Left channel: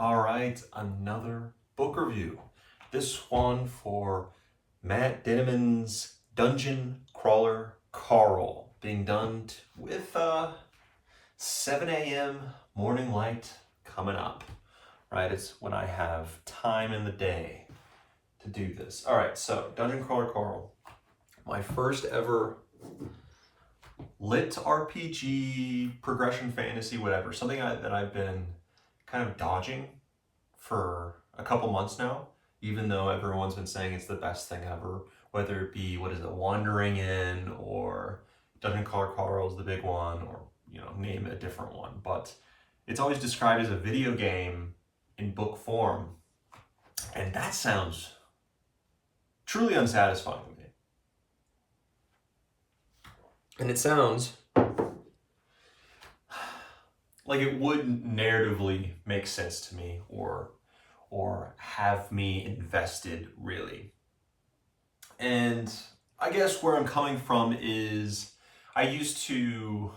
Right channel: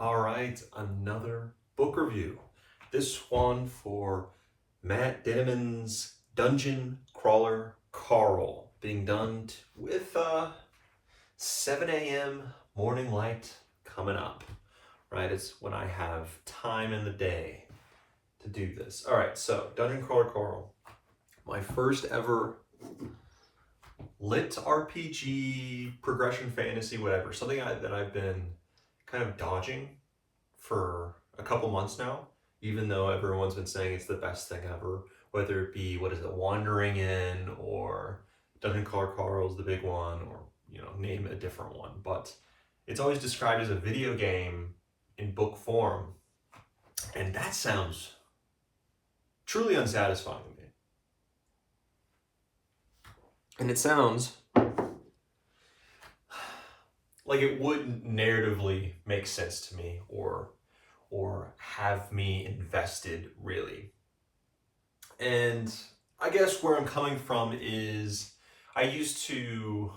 All right, another book review. This one for Matt Dinniman's Dungeon Crawler Carl, being done with 7 a.m. morning light coming up. Right, it's when I have time in the day to do this. All right, so Dungeon Crawler Carl, my first ever lit RPG, progression fantasy, whatever, something that I've been kind of dodging for a couple months now, even though everyone's been saying it's the best thing ever, whether it be, Wandering In, or Dungeon Crawler Carl is the big one, or, name a different one. But it's always described as a video game in book form, and that sounds truly unsatisfying to me. And it sounds like it wouldn't narratively make sense to me or have me invested, really. And I guess where I'm coming from is I used to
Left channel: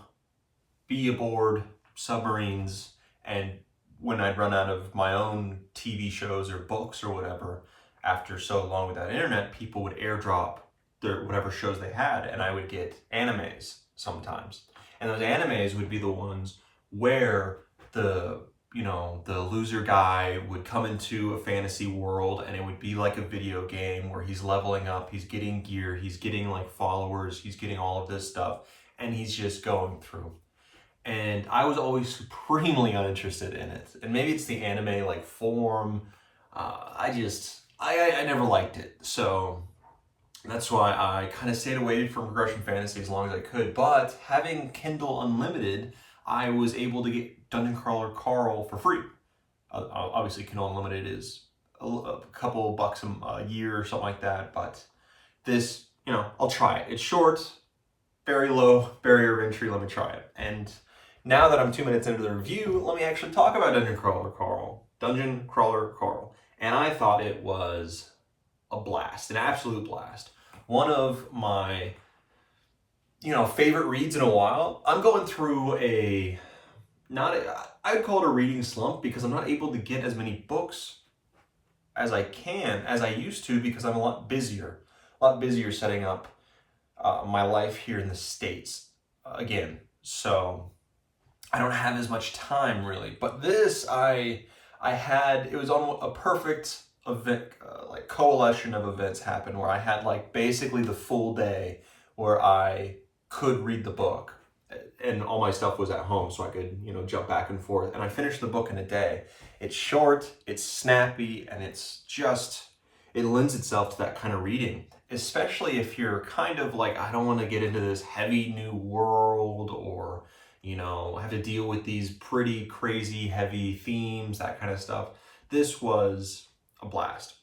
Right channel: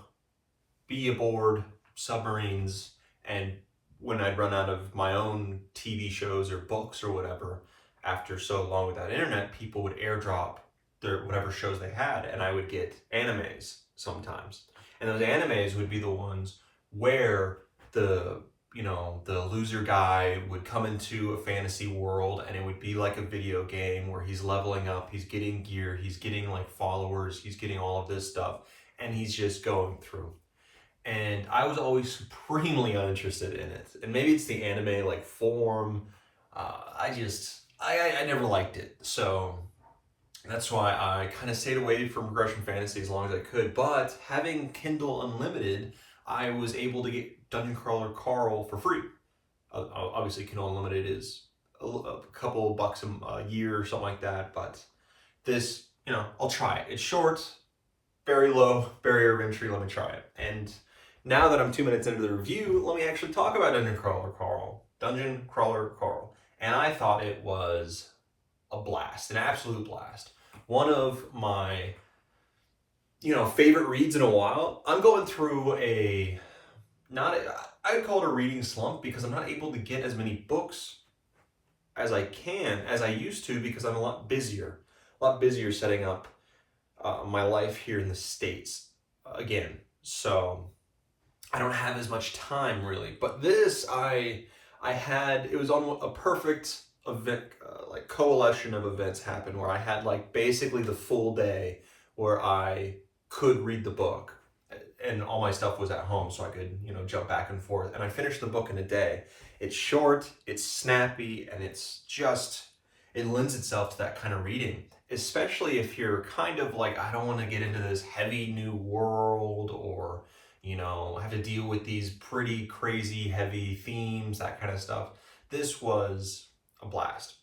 be aboard submarines, and when I'd run out of my own TV shows or books or whatever, after so long without internet, people would airdrop their whatever shows they had, and I would get animes sometimes. And those animes would be the ones where the loser guy would come into a fantasy world, and it would be like a video game where he's leveling up, he's getting gear, he's getting like followers, he's getting all of this stuff, and he's just going through. And I was always supremely uninterested in it. And maybe it's the anime like form. I never liked it. So that's why I kind of stayed away from progression fantasy as long as I could. But having Kindle Unlimited, I was able to get Dungeon Crawler Carl for free. Obviously, Kindle Unlimited is a couple bucks a year or something like that. But this, I'll try it. It's short, very low barrier of entry. Let me try it. And now that I'm 2 minutes into the review, let me actually talk about Dungeon Crawler Carl. Dungeon Crawler Carl. And I thought it was a blast, an absolute blast. One of my, favorite reads in a while. I'm going through I'd call it a reading slump, because I'm not able to get as many books as I used to, because I'm a lot busier setting up my life here in the States again. So I don't have as much time, really. But this, it was on a perfect event, like coalition of events happened, where I had like basically the full day where I could read the book, and all my stuff was at home, so I could, jump back and forth. And I finished the book in a day. It's short, it's snappy, and it lends itself to that kind of reading, especially if you're kind of like, I don't want to get into this heavy new world, or have to deal with these pretty crazy heavy themes, that kind of stuff. This was a blast.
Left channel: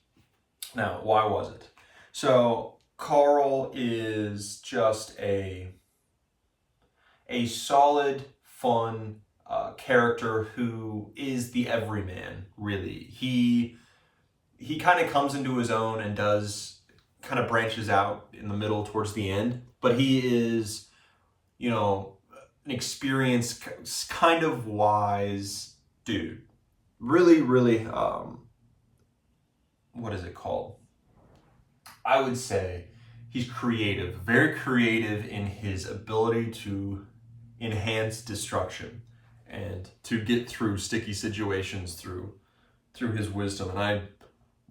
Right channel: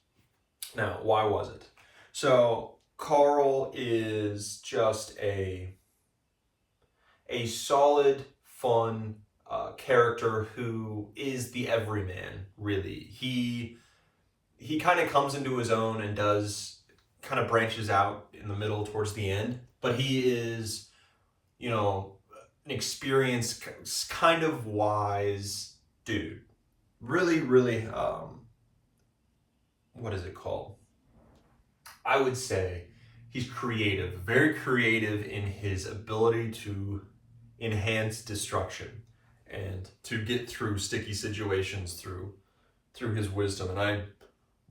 Now, why was it? So Carl is just a solid, fun character who is the everyman, really. He kind of comes into his own and kind of branches out in the middle towards the end, but he is, an experienced, kind of wise dude. Really, really, what is it called? I would say he's creative, very creative in his ability to enhance destruction and to get through sticky situations through his wisdom. And I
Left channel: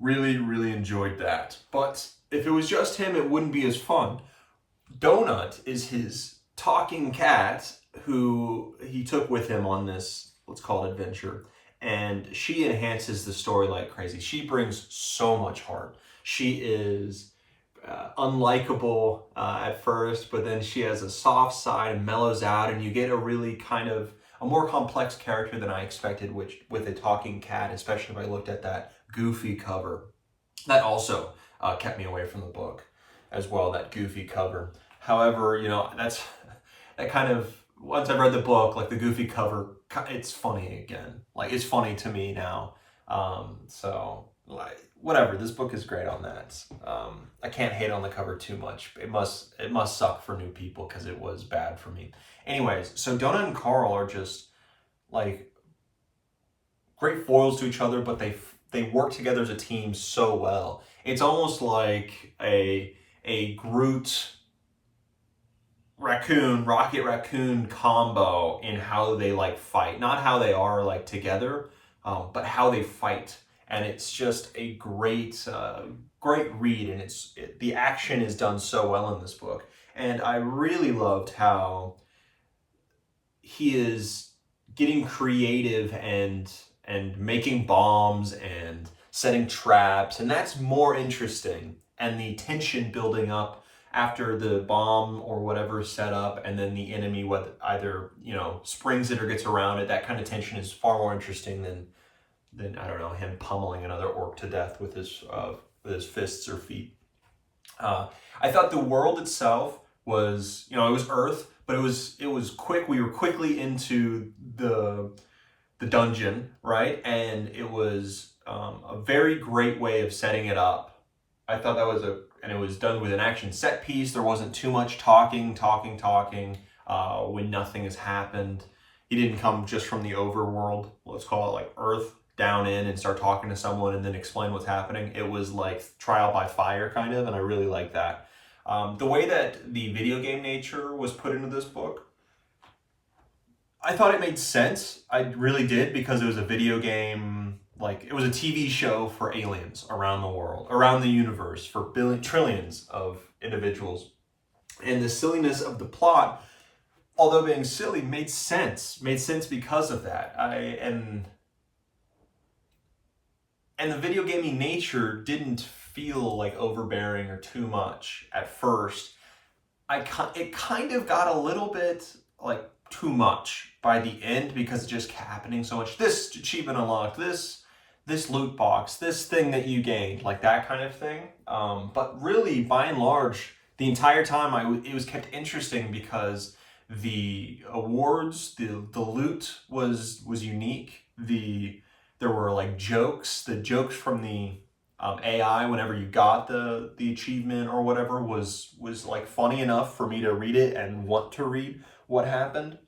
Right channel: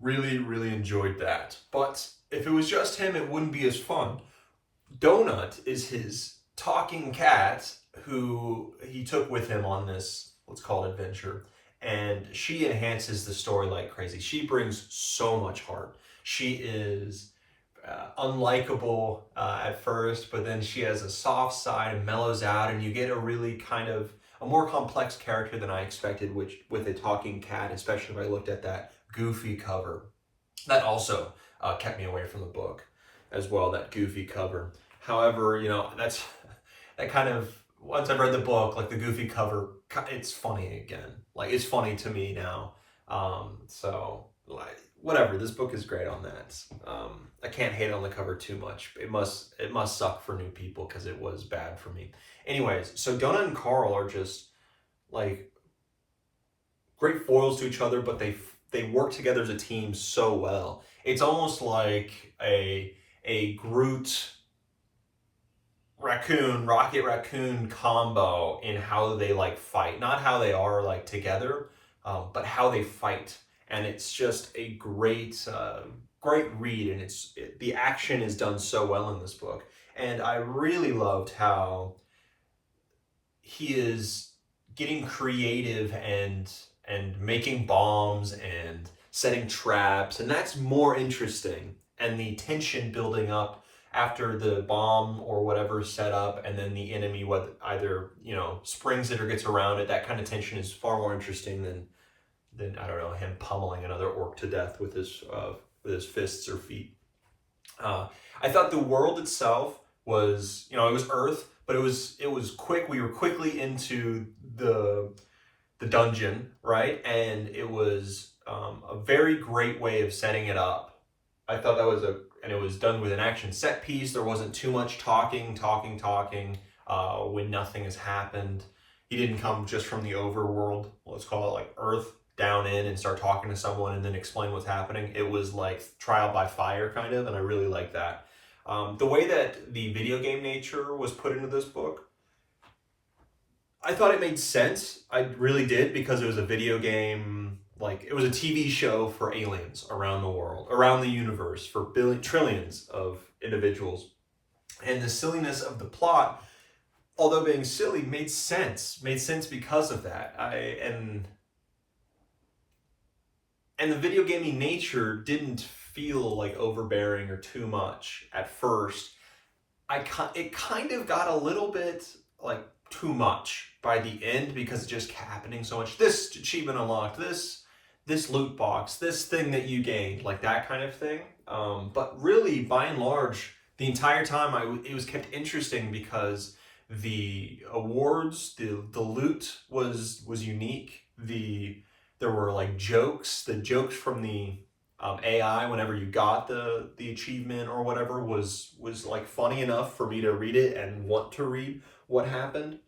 really, really enjoyed that. But if it was just him, it wouldn't be as fun. Donut is his talking cat, who he took with him on this, let's call it, adventure. And she enhances the story like crazy. She brings so much heart. She is unlikable at first, but then she has a soft side and mellows out, and you get a really kind of a more complex character than I expected, which with a talking cat, especially if I looked at that goofy cover. That also kept me away from the book as well, that goofy cover. However, that kind of, once I've read the book, like the goofy cover, it's funny again. Like, it's funny to me now. So, like, whatever, this book is great on that. I can't hate on the cover too much. It must suck for new people, because it was bad for me. Anyways, so Donut and Carl are just like great foils to each other, but they work together as a team so well. It's almost like a Groot Rocket Raccoon combo in how they like fight, not how they are like together, but how they fight. And it's just a great read, and the action is done so well in this book. And I really loved how he is getting creative and making bombs and setting traps, and that's more interesting. And the tension building up after the bomb or whatever is set up, and then the enemy either springs it or gets around it. That kind of tension is far more interesting than I don't know, him pummeling another orc to death with his fists or feet. I thought the world itself was, it was Earth, but it was quick. We were quickly into the dungeon, right? And it was a very great way of setting it up. I thought that was and it was done with an action set piece. There wasn't too much talking when nothing has happened. He didn't come just from the overworld, let's call it like Earth, down in and start talking to someone and then explain what's happening. It was like trial by fire kind of, and I really like that. The way that the video game nature was put into this book, I thought it made sense. I really did, because it was a video game, like it was a TV show for aliens around the world, around the universe, for trillions of individuals. And the silliness of the plot, although being silly, made sense because of that. And the video gaming nature didn't feel like overbearing or too much at first. It kind of got a little bit like too much by the end, because it just kept happening so much. This achievement unlocked, this loot box, this thing that you gained, like that kind of thing. But really, by and large, the entire time it was kept interesting, because the awards, the loot was unique. There were like jokes. The jokes from the AI whenever you got the achievement or whatever was like funny enough for me to read it and want to read what happened.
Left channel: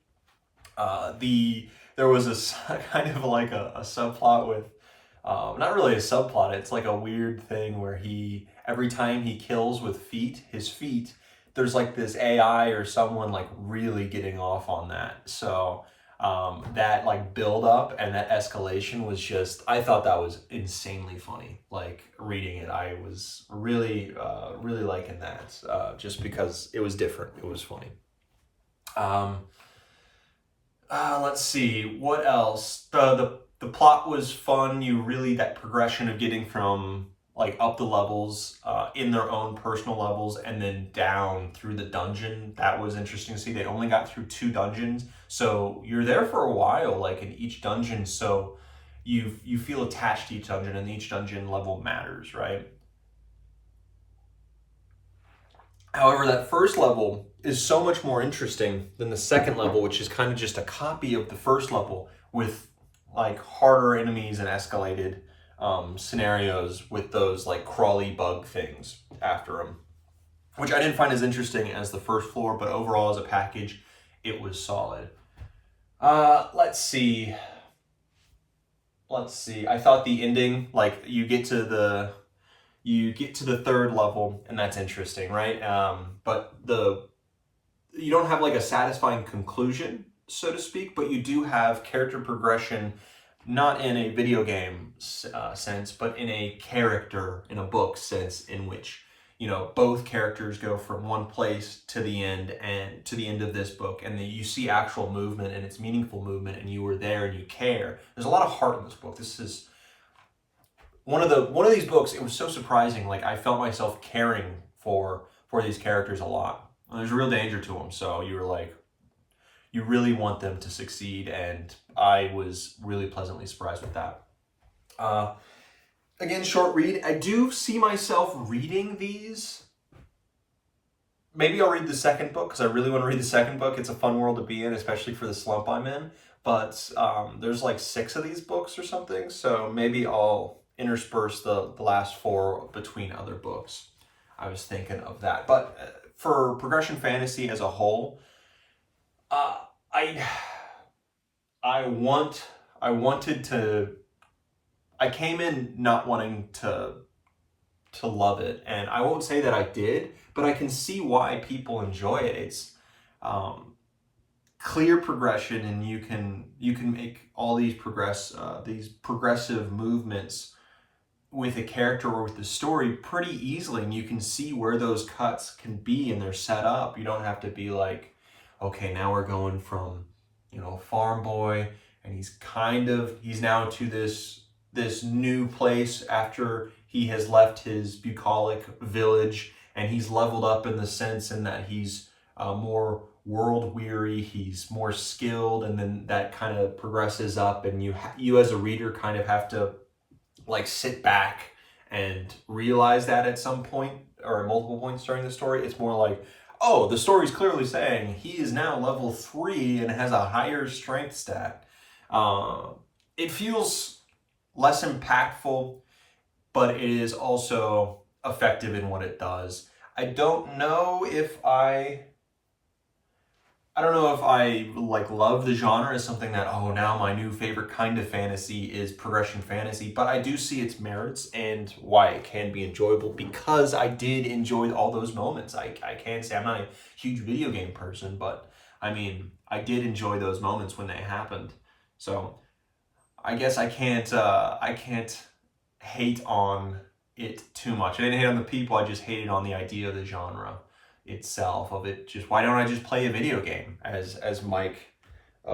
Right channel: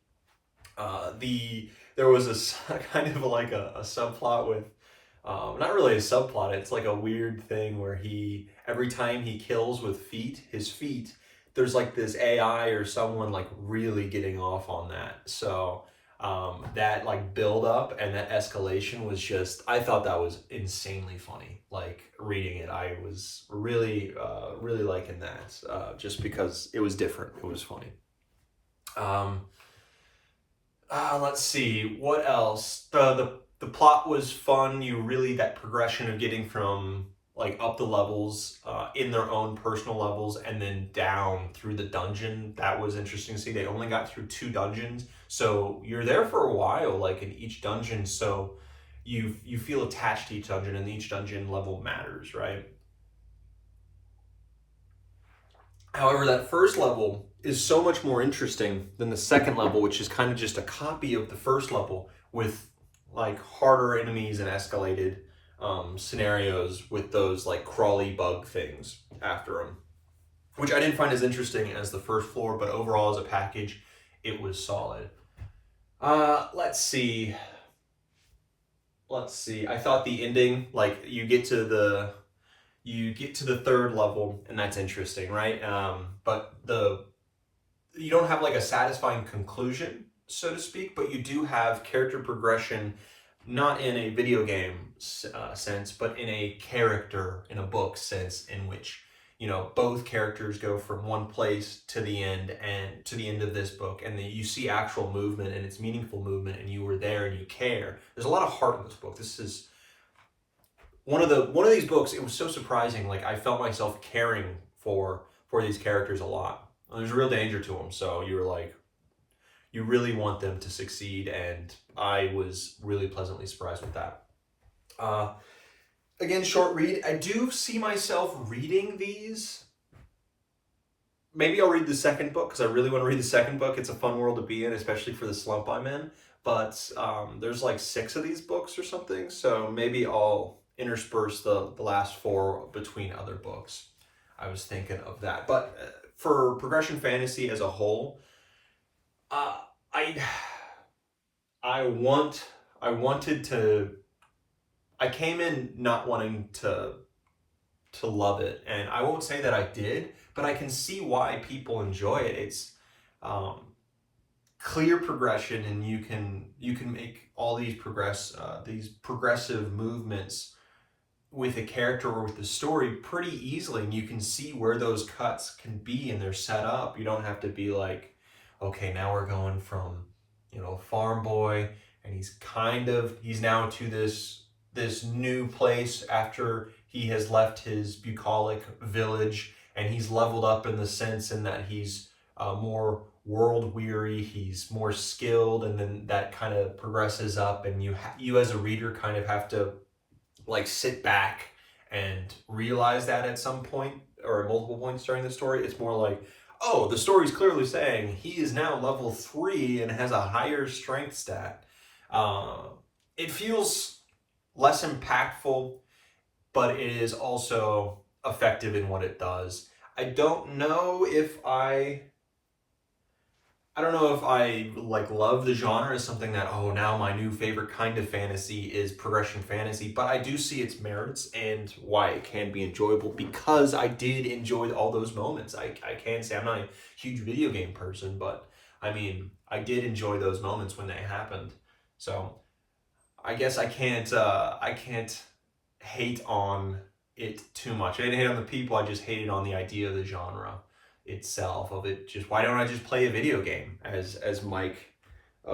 There was a kind of like a subplot with, not really a subplot, it's like a weird thing where every time he kills with his feet, there's like this AI or someone like really getting off on that. So that like build up and that escalation was just, I thought that was insanely funny. Like reading it, I was really liking that, just because it was different. It was funny. Let's see, what else? The plot was fun. That progression of getting from like up the levels in their own personal levels and then down through the dungeon, that was interesting to see. They only got through 2 dungeons, so you're there for a while, like in each dungeon, so you feel attached to each dungeon, and each dungeon level matters, right? However, that first level is so much more interesting than the second level, which is kind of just a copy of the first level with like harder enemies and escalated scenarios with those like crawly bug things after them, which I didn't find as interesting as the first floor, but overall as a package, it was solid. Let's see. I thought the ending, like you get to the third level, and that's interesting, right? But you don't have like a satisfying conclusion, so to speak, but you do have character progression, not in a video game sense, but in a book sense, in which both characters go from one place to the end of this book, and then you see actual movement, and it's meaningful movement, and you were there and you care. There's a lot of heart in this book. This is one of these books. It was so surprising. Like I felt myself caring for these characters a lot. And there's a real danger to them, so you were like, you really want them to succeed, and I was really pleasantly surprised with that. Again, short read. I do see myself reading these. Maybe I'll read the second book, because I really want to read the second book. It's a fun world to be in, especially for the slump I'm in. But there's like 6 of these books or something, so maybe I'll intersperse the last 4 between other books. I was thinking of that. But for progression fantasy as a whole, I want I came in not wanting to love it, and I won't say that I did, but I can see why people enjoy it. It's clear progression, and you can make all these progressive movements with a character or with the story pretty easily, and you can see where those cuts can be, and they're set up. You don't have to be like, okay, now we're going from, farm boy, and he's now to this new place after he has left his bucolic village, and he's leveled up in the sense in that he's more world weary, he's more skilled, and then that kind of progresses up, and you as a reader kind of have to like sit back and realize that at some point or at multiple points during the story. It's more like, oh, the story's clearly saying he is now level 3 and has a higher strength stat. It feels less impactful, but it is also effective in what it does. I don't know if I like love the genre as something that, oh, now my new favorite kind of fantasy is progression fantasy, but I do see its merits and why it can be enjoyable, because I did enjoy all those moments. I can say I'm not a huge video game person, but I mean, I did enjoy those moments when they happened. So I guess I can't hate on it too much. I didn't hate on the people, I just hated on the idea of the genre itself, of it just, why don't I just play a video game, as Mike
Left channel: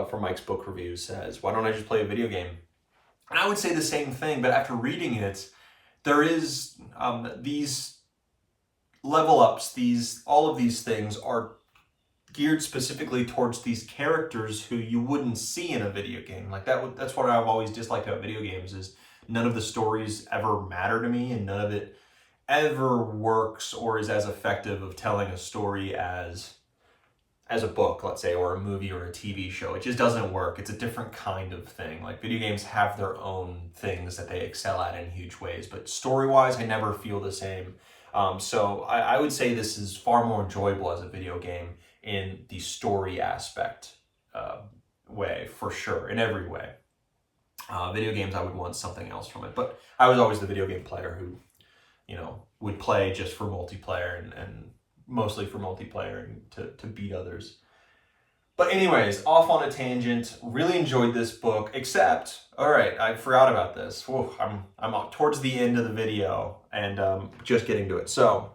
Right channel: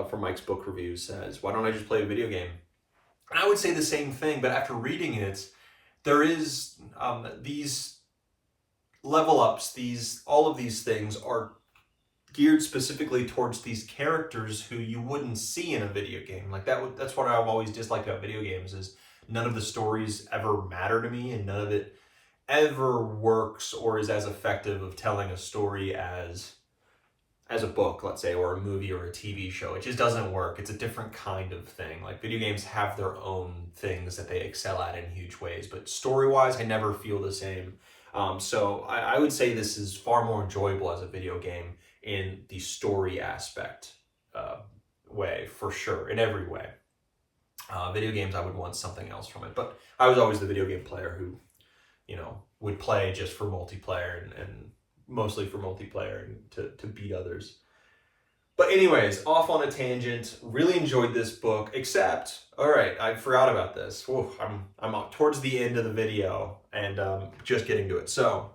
from Mike's book review says, why don't I just play a video game? And I would say the same thing, but after reading it, there is these level ups, all of these things are geared specifically towards these characters who you wouldn't see in a video game. Like that's what I've always disliked about video games, is none of the stories ever matter to me, and none of it ever works or is as effective of telling a story as a book, let's say, or a movie or a TV show. It just doesn't work. It's a different kind of thing. Like, video games have their own things that they excel at in huge ways, but story-wise, I never feel the same. So I would say this is far more enjoyable as a video game in the story aspect way, for sure, in every way. Video games, I would want something else from it, but I was always the video game player who, would play just for multiplayer and mostly for multiplayer and to beat others. But anyways, off on a tangent. Really enjoyed this book, except, all right, I forgot about this. Whew, I'm towards the end of the video and just getting to it. So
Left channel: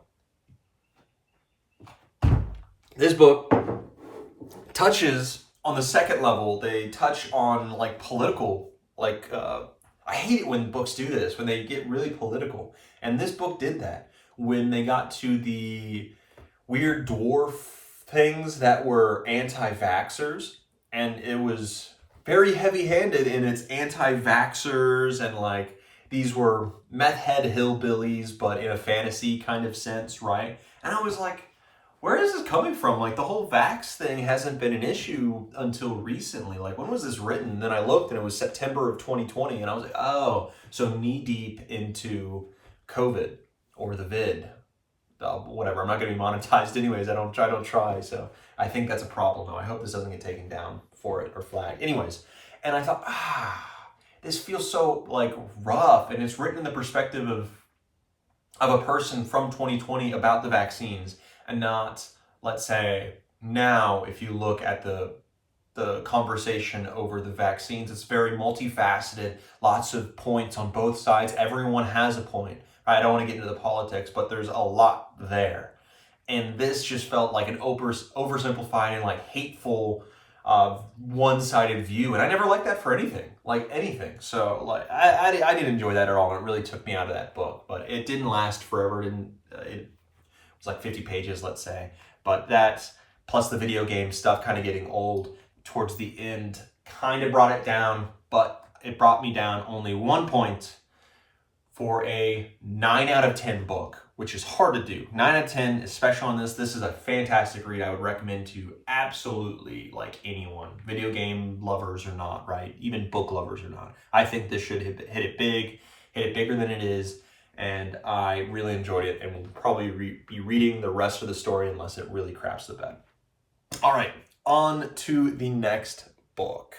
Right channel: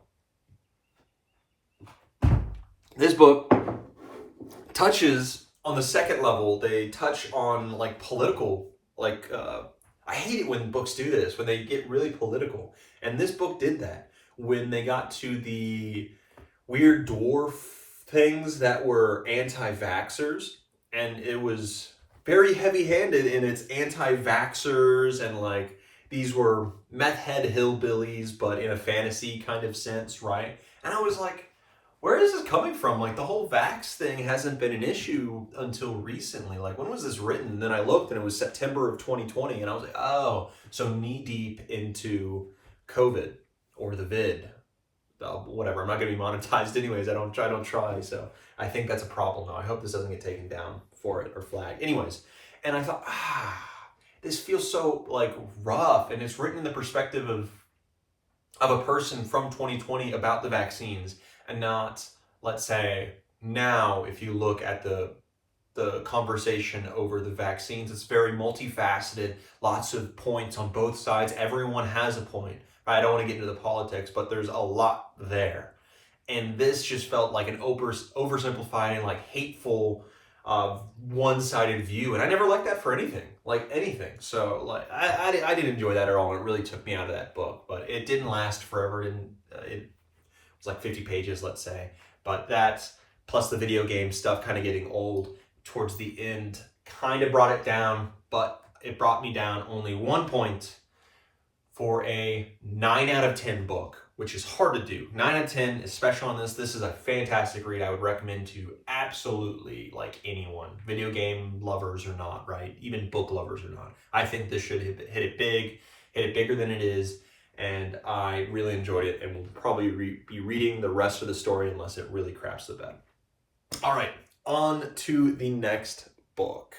this book touches on the second level. They touch on like political, I hate it when books do this, when they get really political. And this book did that. When they got to the weird dwarf things that were anti-vaxxers, and it was very heavy-handed in its anti-vaxxers, and like these were meth head hillbillies, but in a fantasy kind of sense, right? And I was like, where is this coming from? Like, the whole vax thing hasn't been an issue until recently. Like, when was this written? And then I looked and it was September of 2020, and I was like, oh, so knee-deep into COVID or the vid. Whatever, I'm not going to be monetized anyways. I don't try, so I think that's a problem now. I hope this doesn't get taken down for it or flagged. Anyways, and I thought, this feels so, like, rough, and it's written in the perspective of a person from 2020 about the vaccines, and not, let's say, now, if you look at the conversation over the vaccines, it's very multifaceted, lots of points on both sides. Everyone has a point. I don't want to get into the politics, but there's a lot there. And this just felt like an oversimplified and like hateful one-sided view. And I never liked that for anything. So like I didn't enjoy that at all. And it really took me out of that book, but it didn't last forever. It was like 50 pages, let's say. But that, plus the video game stuff kind of getting old towards the end, kind of brought it down, but it brought me down only 1 point for a 9 out of 10 book, which is hard to do. 9 out of 10, especially on this. This is a fantastic read. I would recommend to absolutely like anyone, video game lovers or not, right? Even book lovers or not. I think this should hit it big, hit it bigger than it is. And I really enjoyed it, and will probably be reading the rest of the story unless it really craps the bed. All right, on to the next book.